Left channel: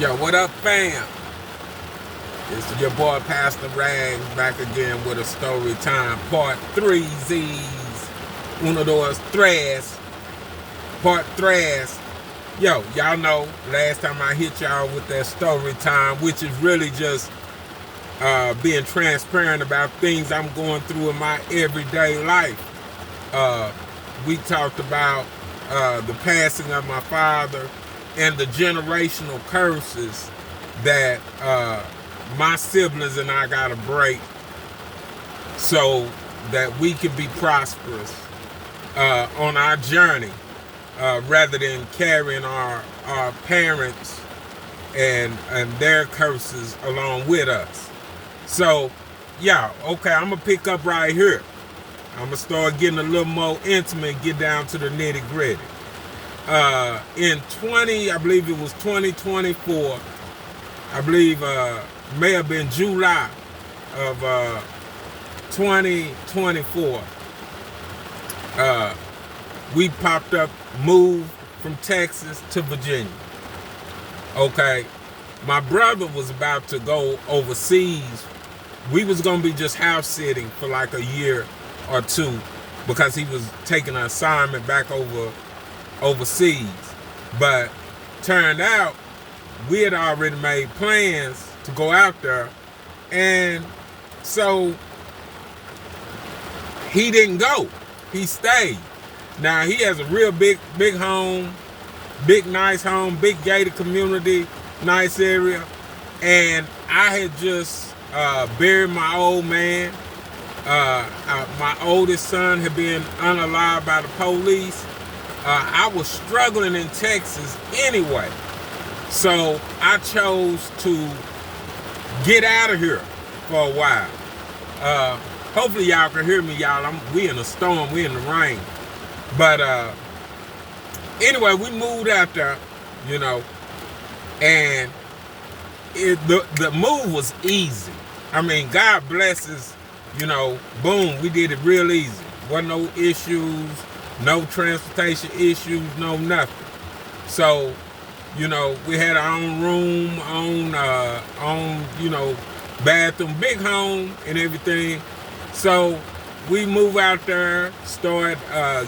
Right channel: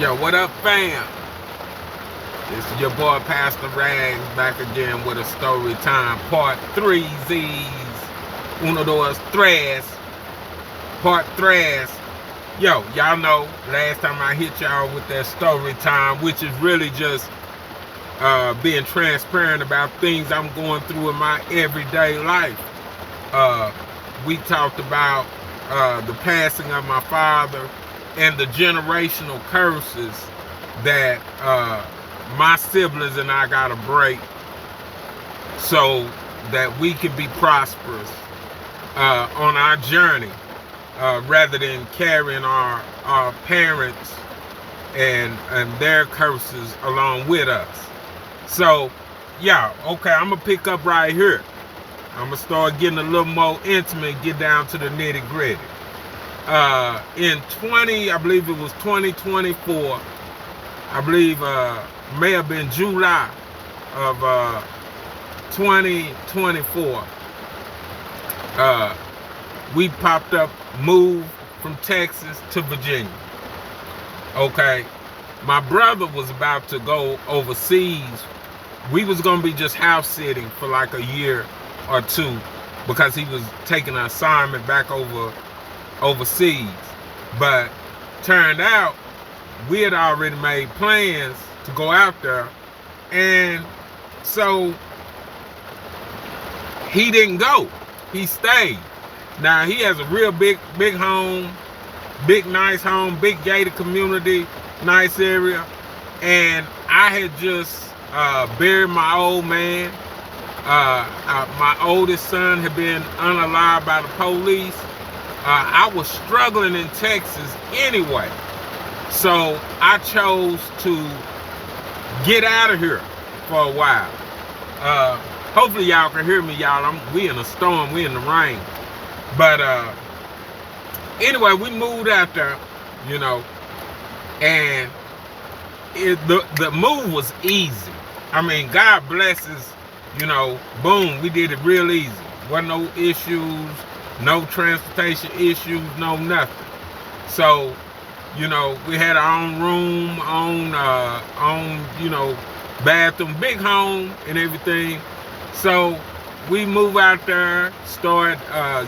Yo, what up, fam? It's your boy Pastor Rags back again with a story time part 3 Z's. Uno, dos, tres. Part 3. Yo, y'all know last time I hit y'all with that story time, which is really just being transparent about things I'm going through in my everyday life. We talked about the passing of my father and the generational curses that my siblings and I got to break so that we can be prosperous on our journey rather than carrying our parents and their curses along with us. So, yeah, okay, I'm going to pick up right here. I'm going to start getting a little more intimate, get down to the nitty gritty. I believe it was 2024, I believe may have been July of 2024, we popped up, moved from Texas to Virginia. Okay, my brother was about to go overseas. We was going to be just house sitting for like a year or two because he was taking an assignment back overseas. But turned out we had already made plans to go out there, and so he didn't go. He stayed. Now he has a real big home, big nice home, big gated community, nice area, and I had just buried my old man. My oldest son had been unalived by the police. I was struggling in Texas anyway, so I chose to get out of here for a while. Hopefully y'all can hear me, y'all. We in a storm, we in the rain. But anyway, we moved out there, you know, and the move was easy. I mean, God blesses, you know, boom, we did it real easy. Wasn't no issues, no transportation issues, no nothing. So, you know, we had our own room, own, you know, bathroom, big home and everything. So we move out there, start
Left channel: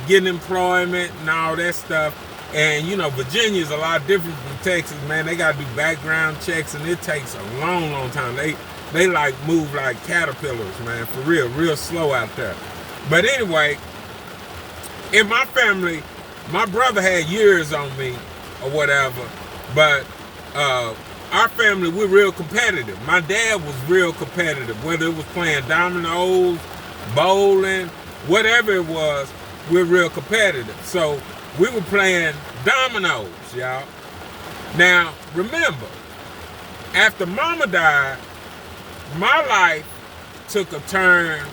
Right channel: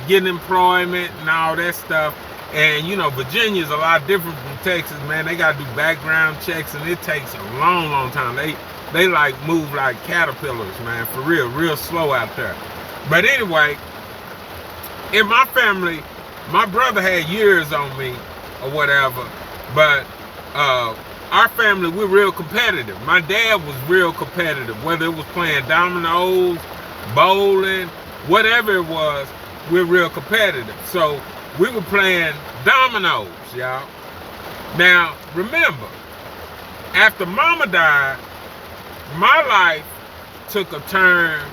getting employment and all that stuff. And, you know, Virginia's a lot different from Texas, man. They got to do background checks, and it takes a long, long time. They like move like caterpillars, man, for real slow out there. But anyway, in my family, my brother had years on me or whatever, but our family, we're real competitive. My dad was real competitive, whether it was playing dominoes, bowling, whatever it was, we're real competitive. So we were playing dominoes, y'all. Now, remember, after Mama died, my life took a turn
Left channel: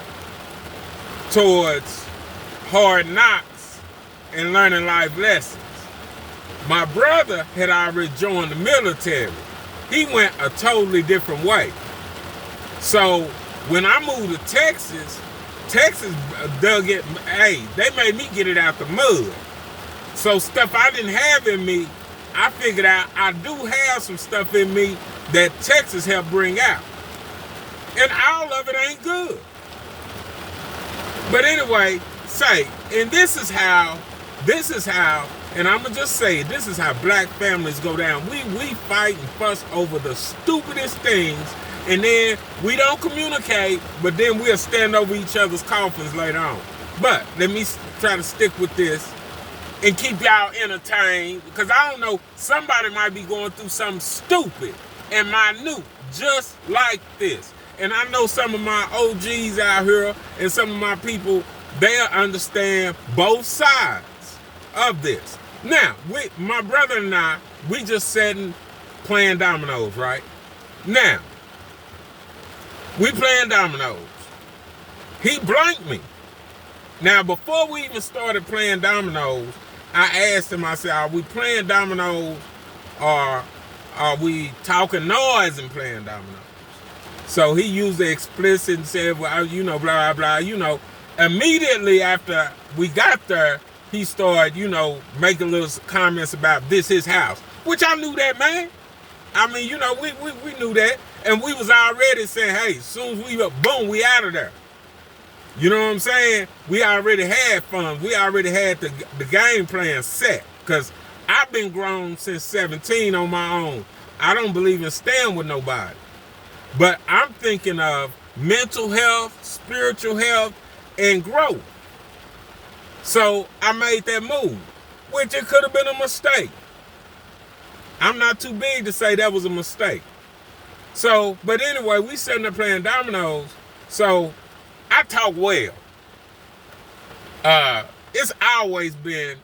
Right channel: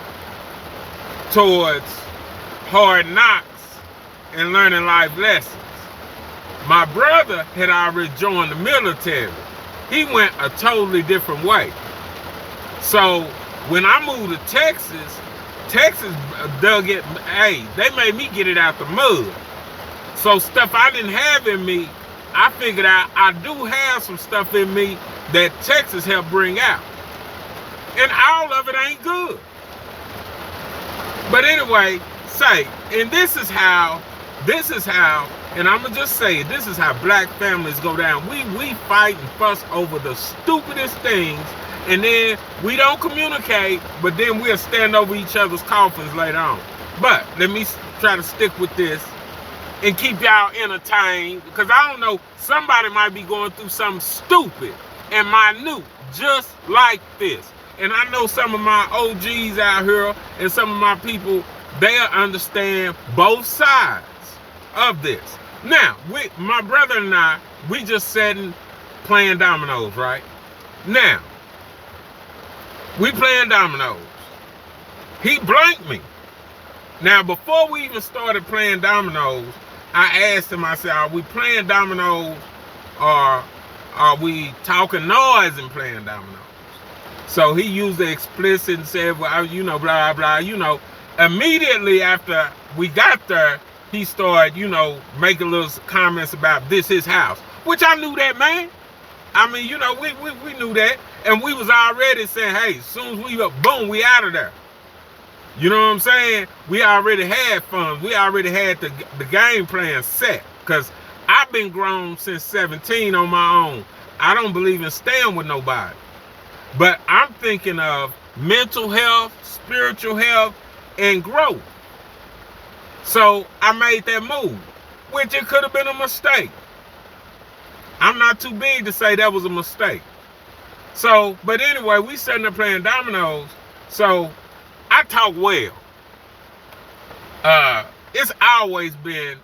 towards hard knocks and learning life lessons. My brother had already joined the military. He went a totally different way. So when I moved to Texas dug it, hey, they made me get it out the mud. So stuff I didn't have in me, I figured out I do have some stuff in me that Texas helped bring out. And all of it ain't good. But anyway, and this is how, and I'm gonna just say it, this is how black families go down. We fight and fuss over the stupidest things, and then we don't communicate, but then we'll stand over each other's coffins later on. But let me try to stick with this and keep y'all entertained, because I don't know, somebody might be going through something stupid and minute just like this. And I know some of my OGs out here and some of my people, they'll understand both sides of this. Now, my brother and I, we just sitting playing dominoes, right? Now, we playing dominoes. He blanked me. Now, before we even started playing dominoes, I asked him, I said, are we playing dominoes or are we talking noise and playing dominoes? So he used the explicit and said, well, you know, blah, blah, you know. Immediately after we got there, he started, you know, making little comments about this his house, which I knew that, man. I mean, we knew that. And we was already saying, hey, as soon as we up, boom, we out of there. You know what I'm saying? We already had fun. We already had the game plan set. Because I've been grown since 17 on my own. I don't believe in staying with nobody. But I'm thinking of mental health, spiritual health, and growth. So I made that move, which it could have been a mistake. I'm not too big to say that was a mistake. So, but anyway, we sitting there playing dominoes. So I talk well. It's always been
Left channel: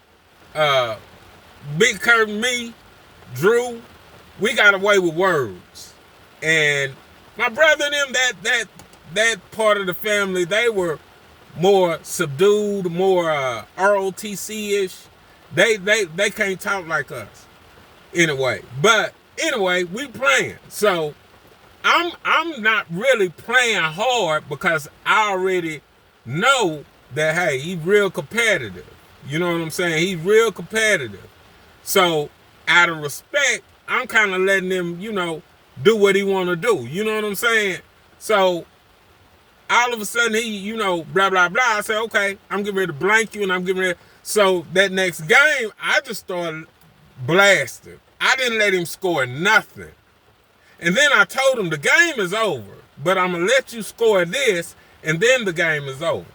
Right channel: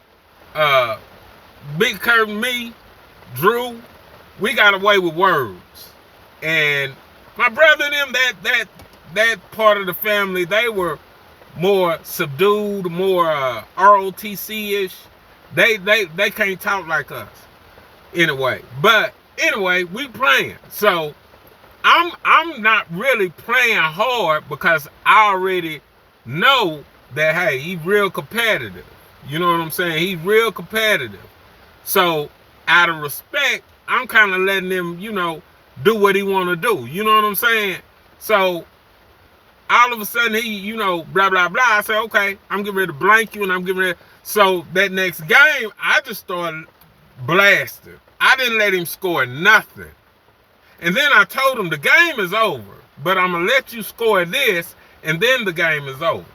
Big Curtin, me, Drew. We got away with words, and my brother and them, that part of the family, they were more subdued, more ROTC-ish. They can't talk like us. Anyway, but anyway, we playing. So I'm not really playing hard because I already know that, hey, he's real competitive. You know what I'm saying? He's real competitive. So out of respect, I'm kind of letting him, do what he want to do. You know what I'm saying? So all of a sudden he, blah, blah, blah. I say, okay, I'm getting ready to blank you, and I'm getting ready. So that next game, I just started blasting. I didn't let him score nothing. And then I told him the game is over, but I'm going to let you score this, and then the game is over.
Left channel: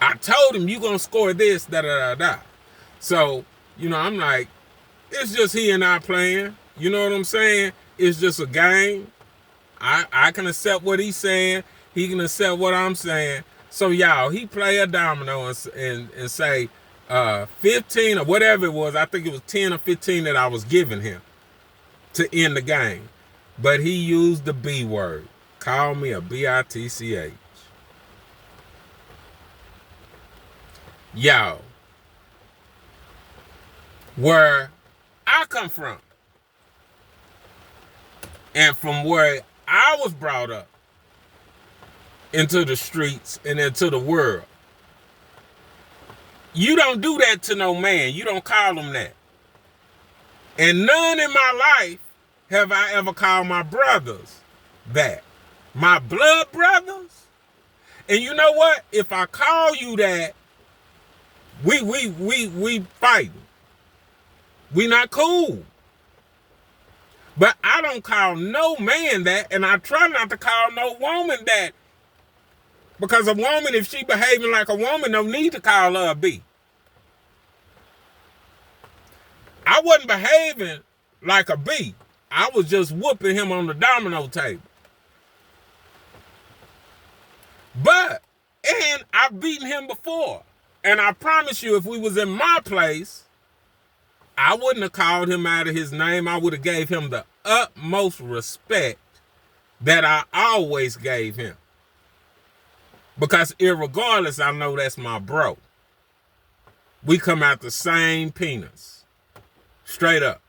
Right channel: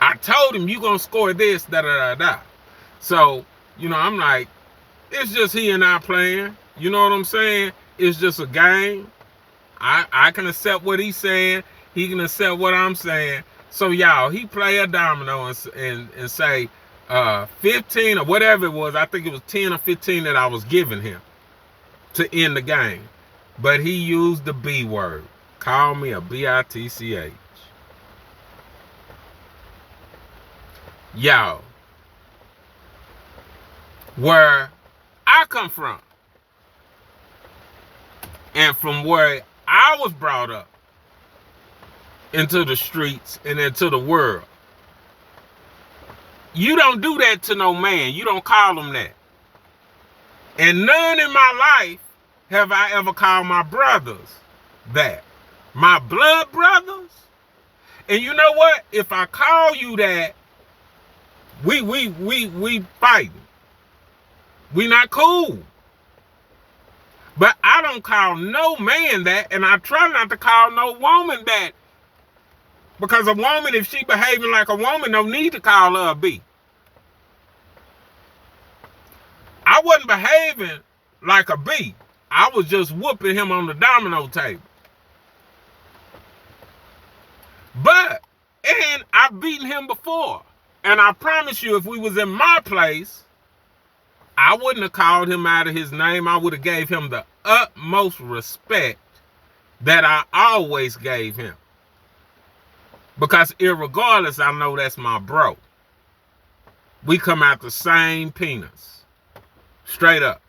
I told him you're going to score this, da-da-da-da. So, I'm like, it's just he and I playing. You know what I'm saying? It's just a game. I can accept what he's saying. He can accept what I'm saying. So, y'all, he play a domino and say 15 or whatever it was. I think it was 10 or 15 that I was giving him to end the game. But he used the B word. Call me a bitch. Y'all, where I come from, and from where I was brought up into the streets and into the world, you don't do that to no man. You don't call him that. And none in my life have I ever called my brothers that. My blood brothers. And you know what? If I call you that, we fighting. We not cool. But I don't call no man that, and I try not to call no woman that. Because a woman, if she behaving like a woman, don't need to call her a B. I wasn't behaving like a B. I was just whooping him on the domino table. And I've beaten him before. And I promise you, if we was in my place, I wouldn't have called him out of his name. I would have gave him the utmost respect that I always gave him. Because irregardless, I know that's my bro. We come out the same penis. Straight up.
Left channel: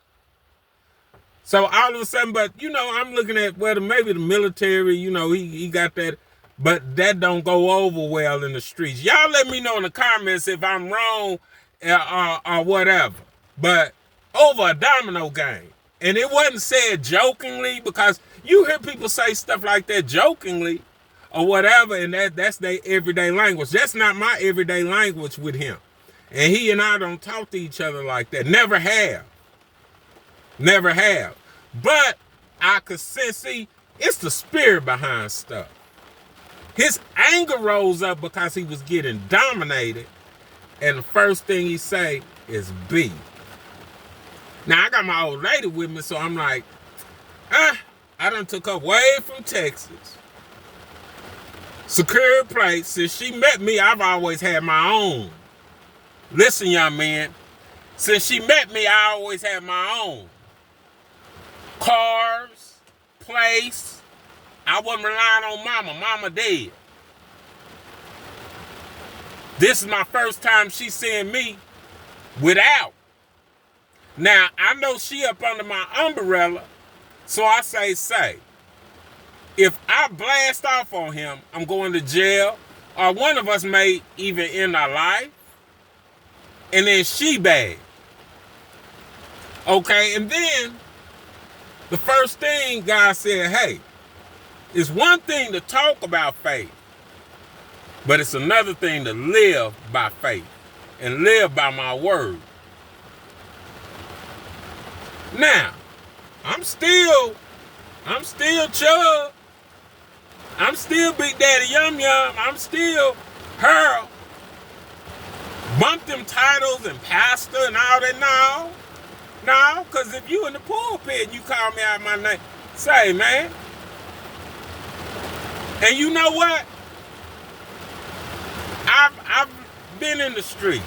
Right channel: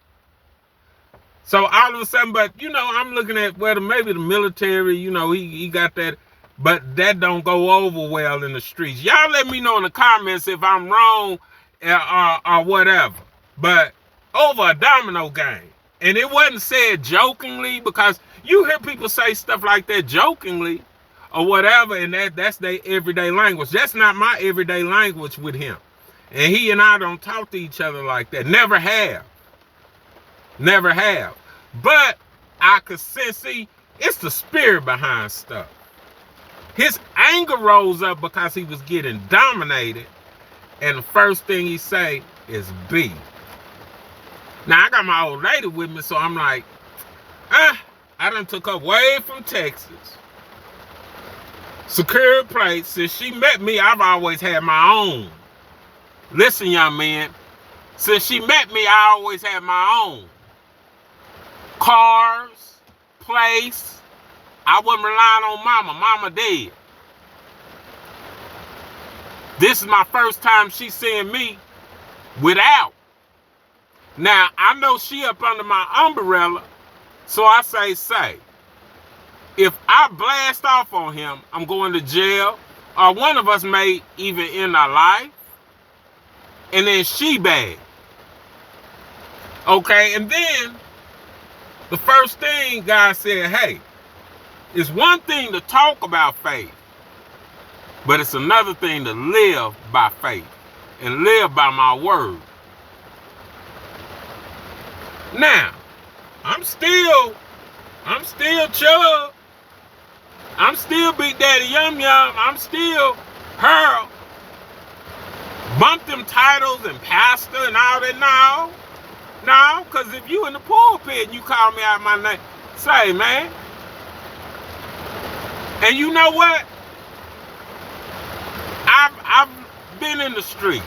So all of a sudden, but I'm looking at maybe the military, he got that, but that don't go over well in the streets. Y'all let me know in the comments if I'm wrong or whatever. But over a domino game, and it wasn't said jokingly, because you hear people say stuff like that jokingly or whatever, and that's their everyday language. That's not my everyday language with him. And he and I don't talk to each other like that. Never have. Never have. But I could see, it's the spirit behind stuff. His anger rose up because he was getting dominated. And the first thing he say is B. Now, I got my old lady with me, so I'm like, I done took her way from Texas. Secure place. Since she met me, I've always had my own. Listen, young man. Since she met me, I always had my own. Cars, place. I wasn't relying on mama. Mama dead. This is my first time she seeing me without. Now, I know she up under my umbrella, so I say, if I blast off on him, I'm going to jail, or one of us may even end our life, and then she bad. Okay, and then the first thing God said, hey, it's one thing to talk about faith, but it's another thing to live by faith and live by my word. Now, I'm still Chubb. I'm still Big Daddy Yum Yum. I'm still Harold. Bump them titles and pastor and all that. No, because if you in the pulpit and you call me out my name, say, man. And you know what? I've been in the streets,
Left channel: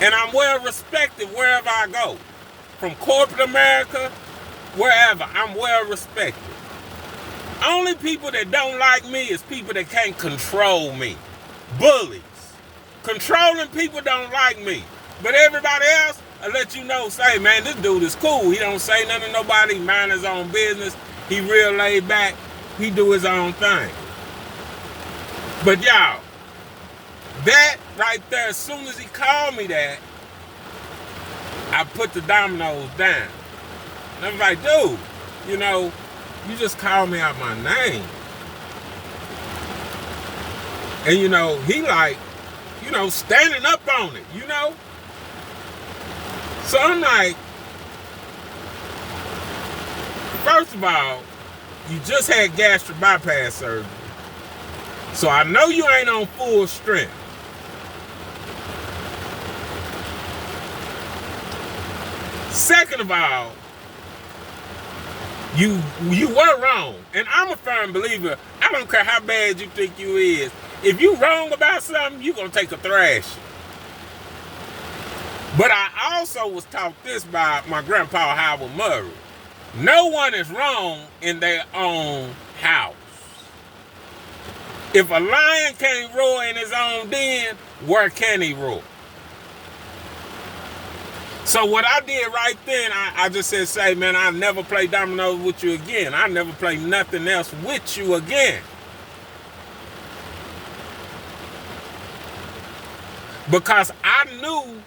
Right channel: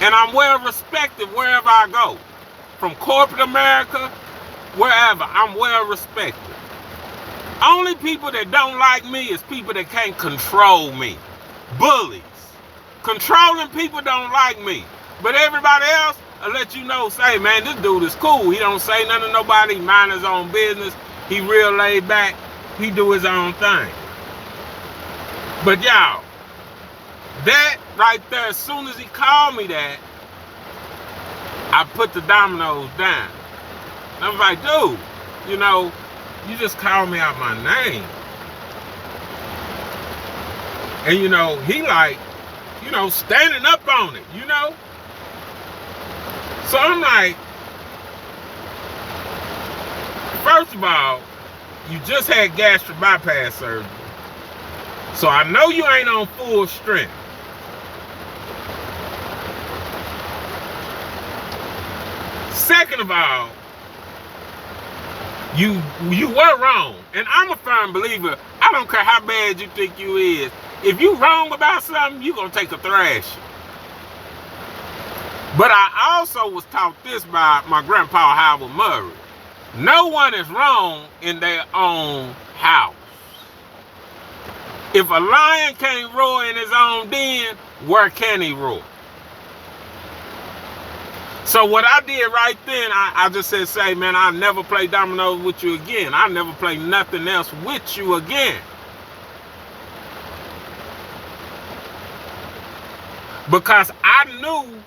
and I'm well respected wherever I go. From corporate America, wherever, I'm well respected. Only people that don't like me is people that can't control me. Bullies. Controlling people don't like me. But everybody else, I'll let you know, say, man, this dude is cool. He don't say nothing to nobody. He mind his own business. He real laid back. He do his own thing. But y'all, that right there, as soon as he called me that, I put the dominoes down. And I was like, dude, you know, you just called me out my name. And, you know, he like, you know, standing up on it, you know? So I'm like, first of all, you just had gastric bypass surgery. So I know you ain't on full strength. Second of all, you were wrong. And I'm a firm believer, I don't care how bad you think you is. If you wrong about something, you gonna take a thrashing. But I also was taught this by my grandpa Howard Murray. No one is wrong in their own house. If a lion can't roar in his own den, where can he roar? So what I did right then, I just said, say, man, I'll never play dominoes with you again. I'll never play nothing else with you again. Because I knew,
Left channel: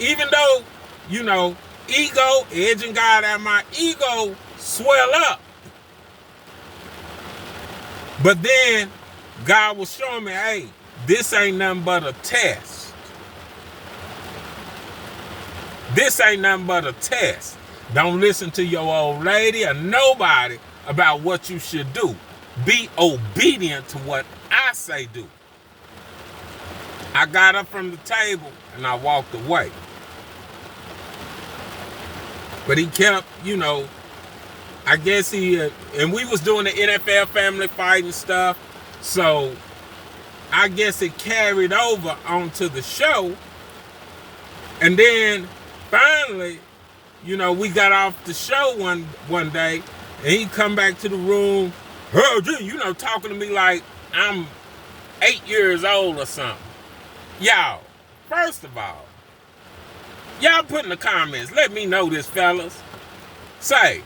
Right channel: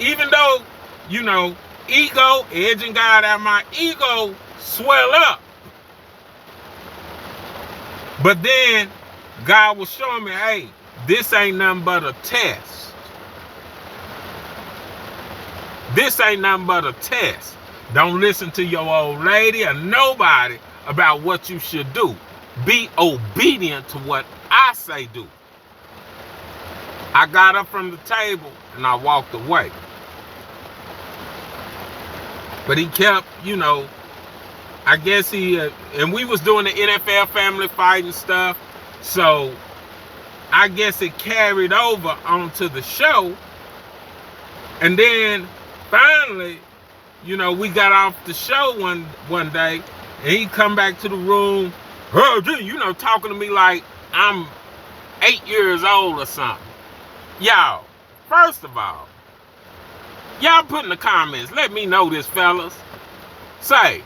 even though, you know, ego, edging God out, my ego swell up. But then God was showing me, hey, this ain't nothing but a test. This ain't nothing but a test. Don't listen to your old lady or nobody about what you should do. Be obedient to what I say do. I got up from the table and I walked away. But he kept, you know, I guess and we was doing the NFL family fight and stuff. So I guess it carried over onto the show. And then finally, you know, we got off the show one day, and he come back to the room, you know, talking to me like I'm 8 years old or something. Y'all, first of all, y'all put in the comments, let me know this, fellas. Say,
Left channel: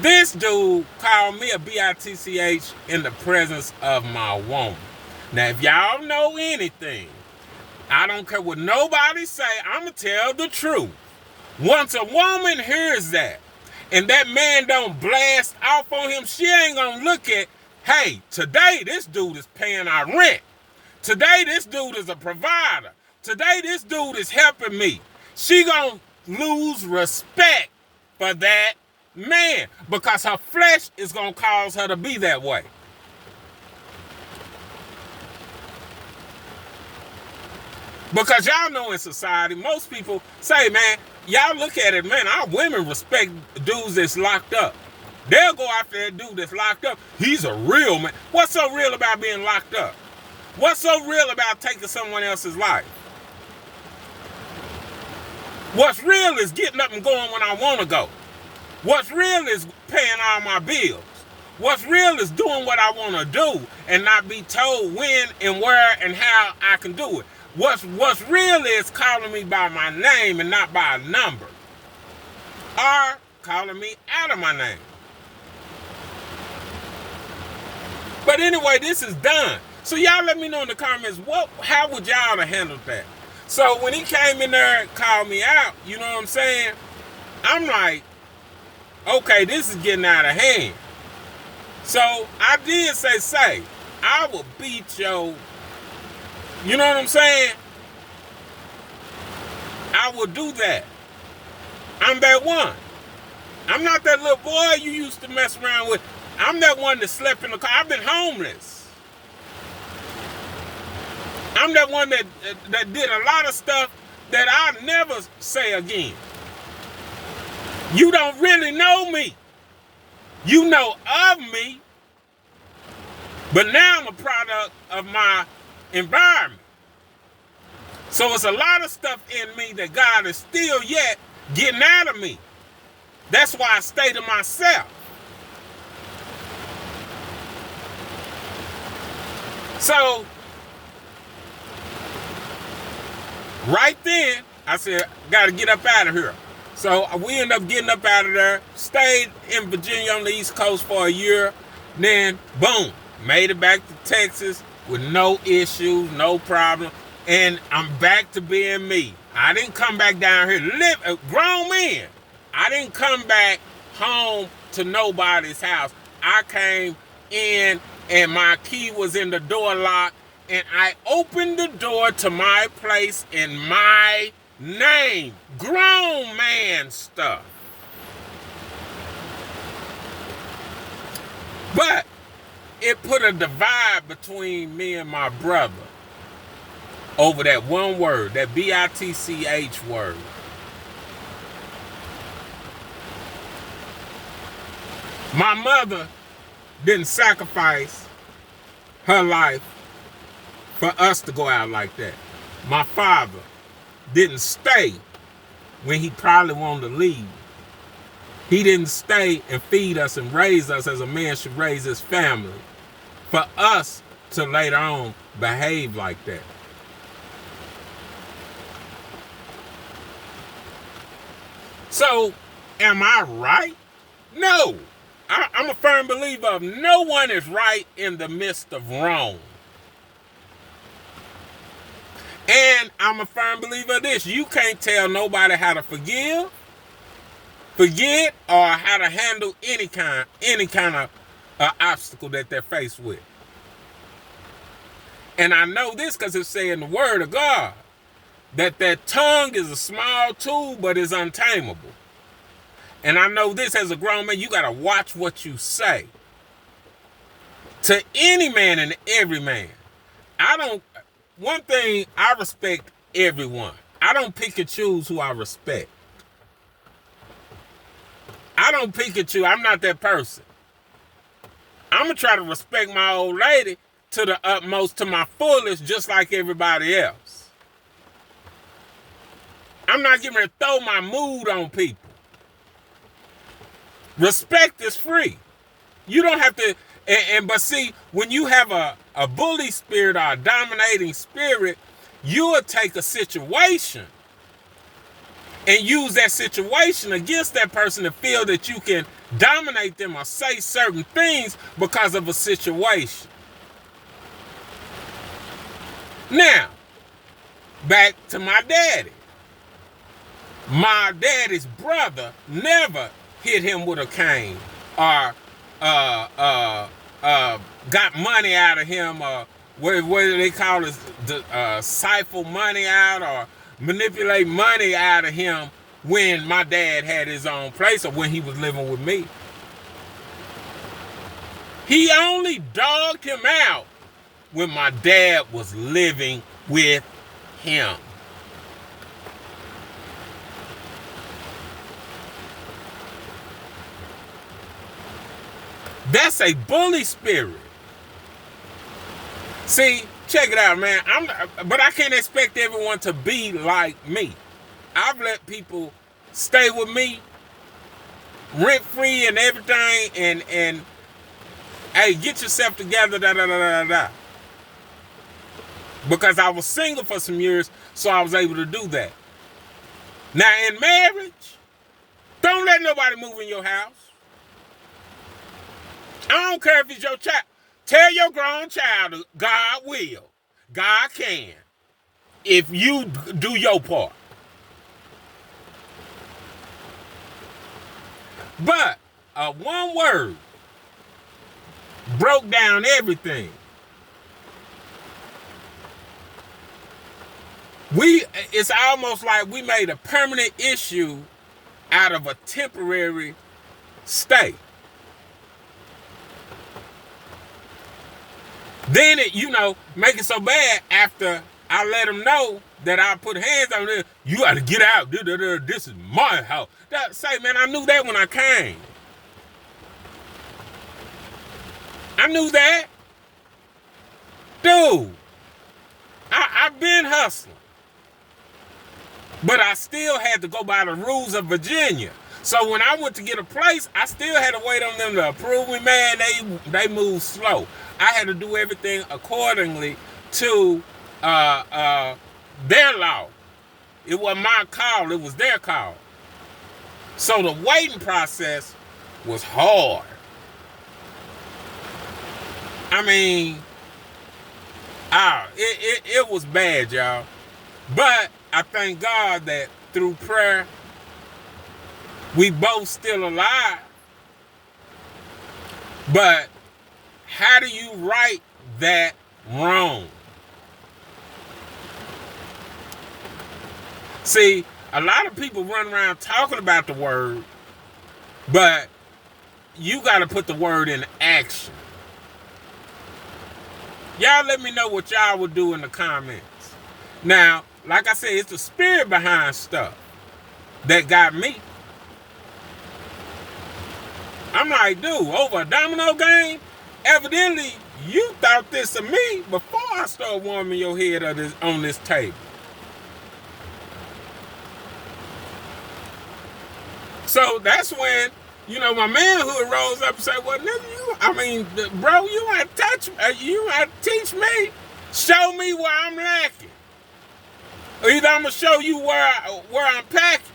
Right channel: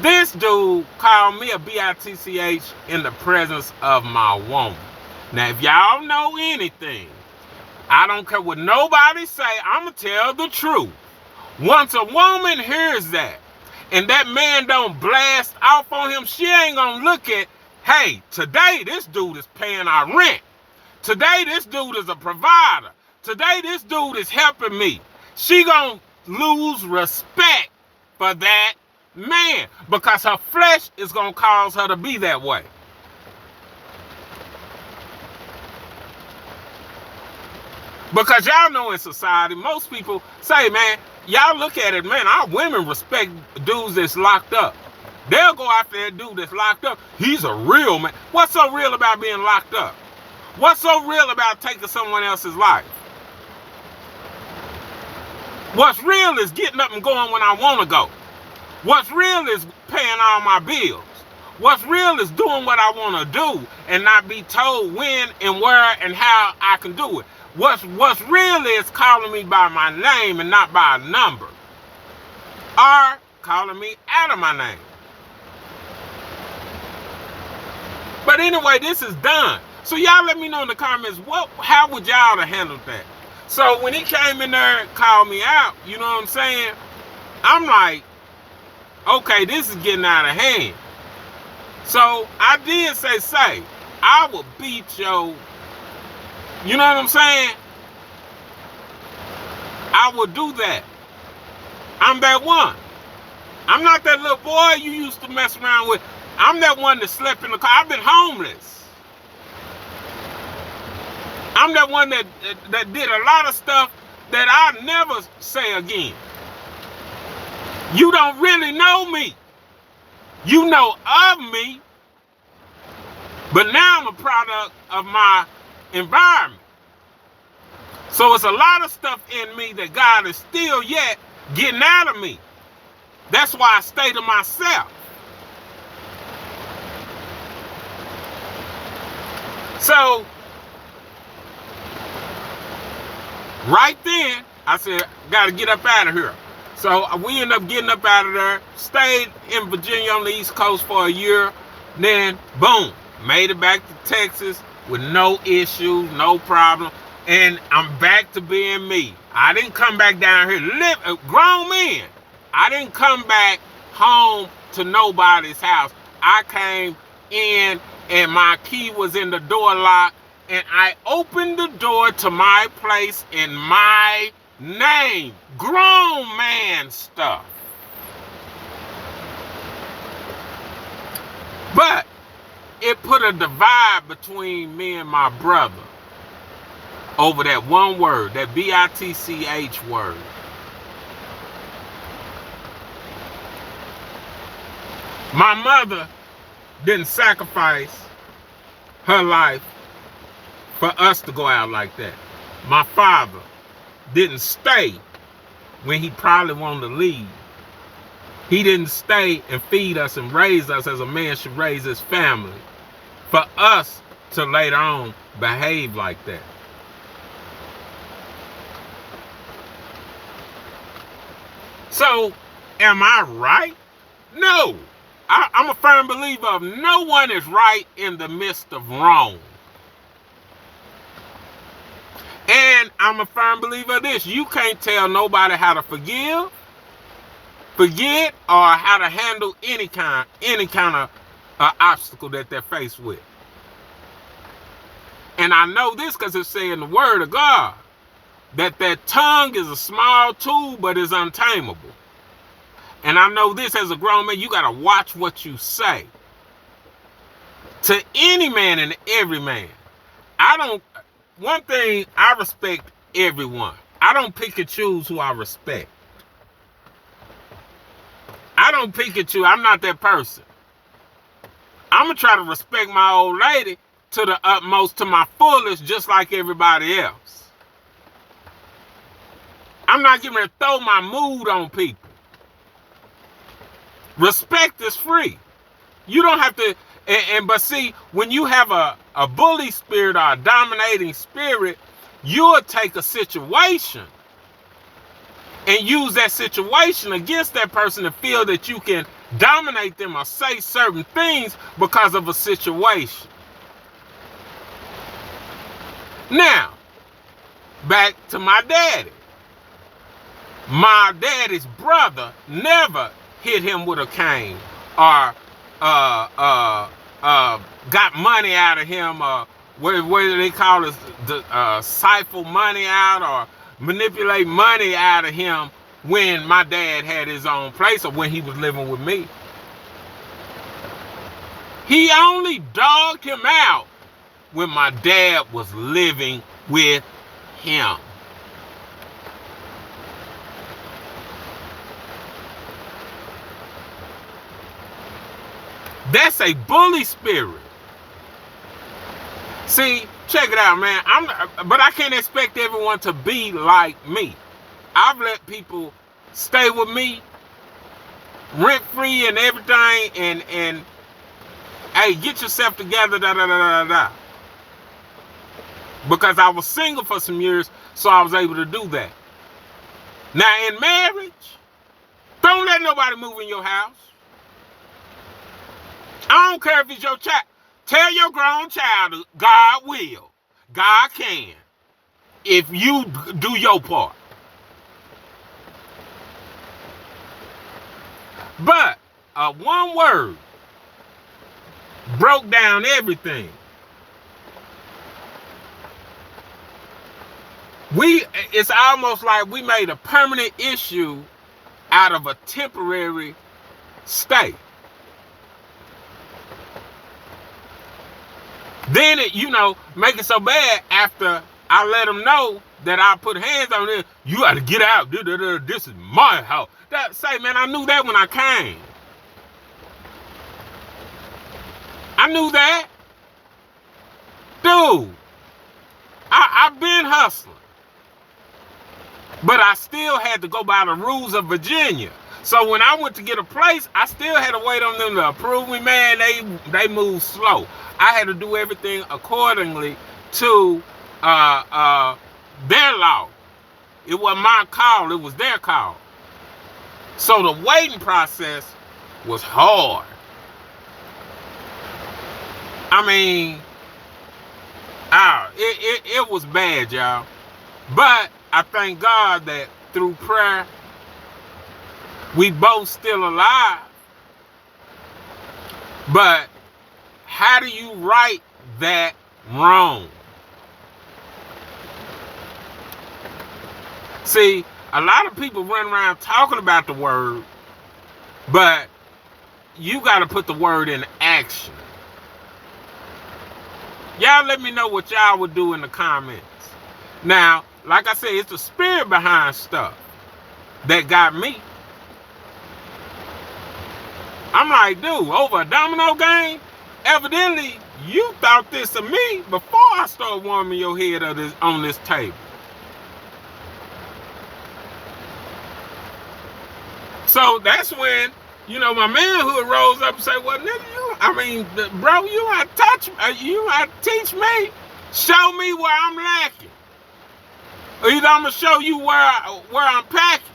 this dude called me a bitch in the presence of my woman. Now, if y'all know anything, I don't care what nobody say, I'ma tell the truth. Once a woman hears that, and that man don't blast off on him, she ain't gonna look at, hey, today this dude is paying our rent. Today this dude is a provider. Today this dude is helping me. She gonna lose respect for that man because her flesh is gonna cause her to be that way. Because y'all know in society, most people say, man, y'all look at it, man, our women respect dudes that's locked up. They'll go after that dude that's locked up. He's a real man. What's so real about being locked up? What's so real about taking someone else's life? What's real is getting up and going when I want to go. What's real is paying all my bills. What's real is doing what I want to do and not be told when and where and how I can do it. What's real is calling me by my name and not by a number. Or calling me out of my name. But anyway, this is done. So y'all let me know in the comments, how would y'all have handled that? So when he came in there and called me out, you know what I'm saying? I'm like, okay, this is getting out of hand. So I did say, I will beat your, you know what I'm saying? I will do that. I'm that one. I'm not that little boy you used to mess around with. I'm that one that slept in the car. I've been homeless. I'm that one that did a lot of stuff that I'll never say again. You don't really know me. You know of me. But now I'm a product of my environment. So it's a lot of stuff in me that God is still yet getting out of me. That's why I stay to myself. So, right then, I said, got to get up out of here. So we ended up getting up out of there, stayed in Virginia on the East Coast for a year, then boom, made it back to Texas with no issues, no problem, and I'm back to being me. I didn't come back down here, live a grown man. I didn't come back home to nobody's house. I came in and my key was in the door lock, and I opened the door to my place in my name. Grown man stuff. But it put a divide between me and my brother over that one word, that B-I-T-C-H word. My mother didn't sacrifice her life for us to go out like that. My father didn't stay when he probably wanted to leave. He didn't stay and feed us and raise us as a man should raise his family for us to later on behave like that. So, am I right? No. I'm a firm believer of no one is right in the midst of wrong. And I'm a firm believer of this. You can't tell nobody how to forgive, forget, or how to handle any kind of obstacle that they're faced with. And I know this because it's saying in the word of God that tongue is a small tool, but is untamable. And I know this as a grown man, you got to watch what you say. To any man and every man. One thing, I respect everyone. I don't pick and choose who I respect. I don't pick and choose. I'm not that person. I'm going to try to respect my old lady to the utmost, to my fullest, just like everybody else. I'm not getting ready to throw my mood on people. Respect is free. You don't have to, but see, when you have a bully spirit or a dominating spirit, you'll take a situation and use that situation against that person to feel that you can dominate them or say certain things because of a situation. Now, back to my daddy. My daddy's brother never hit him with a cane or got money out of him, or what do they call it, siphon money out or manipulate money out of him when my dad had his own place or when he was living with me. He only dogged him out when my dad was living with him. That's a bully spirit. See, check it out, man. But I can't expect everyone to be like me. I've let people stay with me rent-free and everything, and hey, get yourself together, because I was single for some years, so I was able to do that. Now, in marriage, don't let nobody move in your house. I don't care if it's your child. Tell your grown child God will. God can. If you do your part. But one word broke down everything. It's almost like we made a permanent issue out of a temporary state. Then it, make it so bad after I let them know that I put hands on it. You got to get out. This is my house. Say, man, I knew that when I came. I knew that. Dude, I've been hustling. But I still had to go by the rules of Virginia. So when I went to get a place, I still had to wait on them to approve me. Man, they move slow. I had to do everything accordingly to their law. It wasn't my call, it was their call. So the waiting process was hard. I mean, it was bad, y'all. But I thank God that through prayer, we both still alive. But how do you right that wrong? See, a lot of people run around talking about the word, but you got to put the word in action. Y'all let me know what y'all would do in the comments. Now, like I said, it's the spirit behind stuff that got me. I'm like, dude, over a domino game? Evidently, you thought this of me before I started warming your head on this table. So that's when, my manhood rose up and said, well, nigga, bro, you want to teach me? Show me where I'm lacking. Or either I'm going to show you where I'm packing.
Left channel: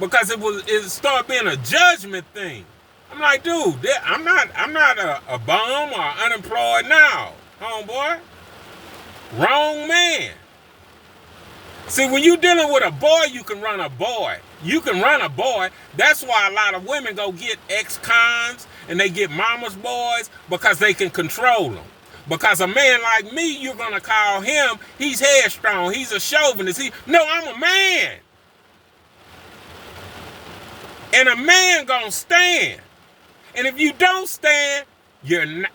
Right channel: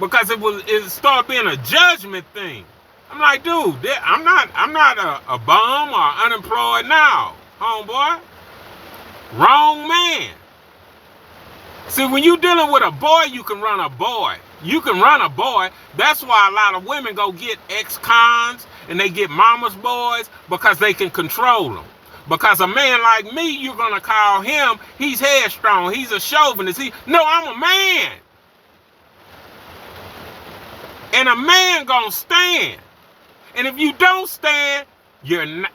Because it started being a judgment thing. I'm like, dude, I'm not a bum or unemployed now, homeboy. Wrong man. See, when you dealing with a boy, you can run a boy. You can run a boy. That's why a lot of women go get ex-cons and they get mama's boys, because they can control them. Because a man like me, you're going to call him, he's headstrong, he's a chauvinist. No, I'm a man. And a man gonna stand. And if you don't stand, you're not.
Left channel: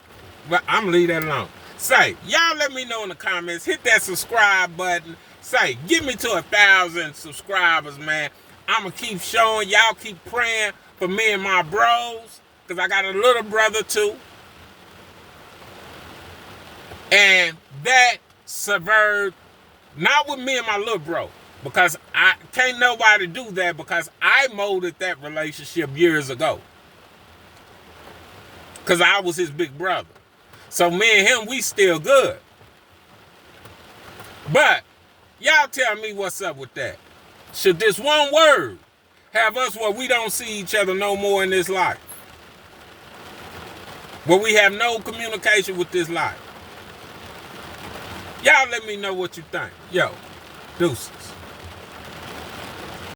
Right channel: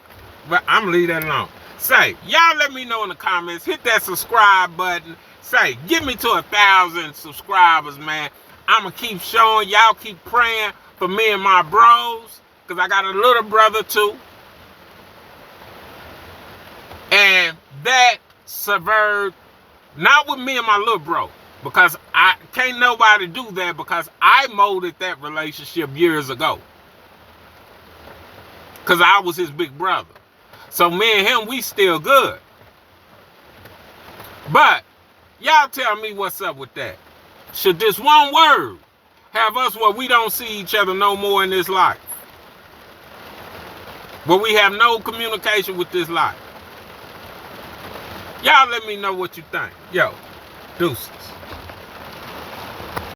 But I'm gonna leave that alone. Say, y'all let me know in the comments. Hit that subscribe button. Say, get me to 1,000 subscribers, man. I'm gonna keep showing. Y'all keep praying for me and my bros. Because I got a little brother too. And that severed, not with me and my little bro. Because I can't nobody do that, because I molded that relationship years ago. Because I was his big brother. So me and him, we still good. But y'all tell me what's up with that. Should this one word have us where we don't see each other no more in this life? Where we have no communication with this life? Y'all let me know what you think. Yo, deuces.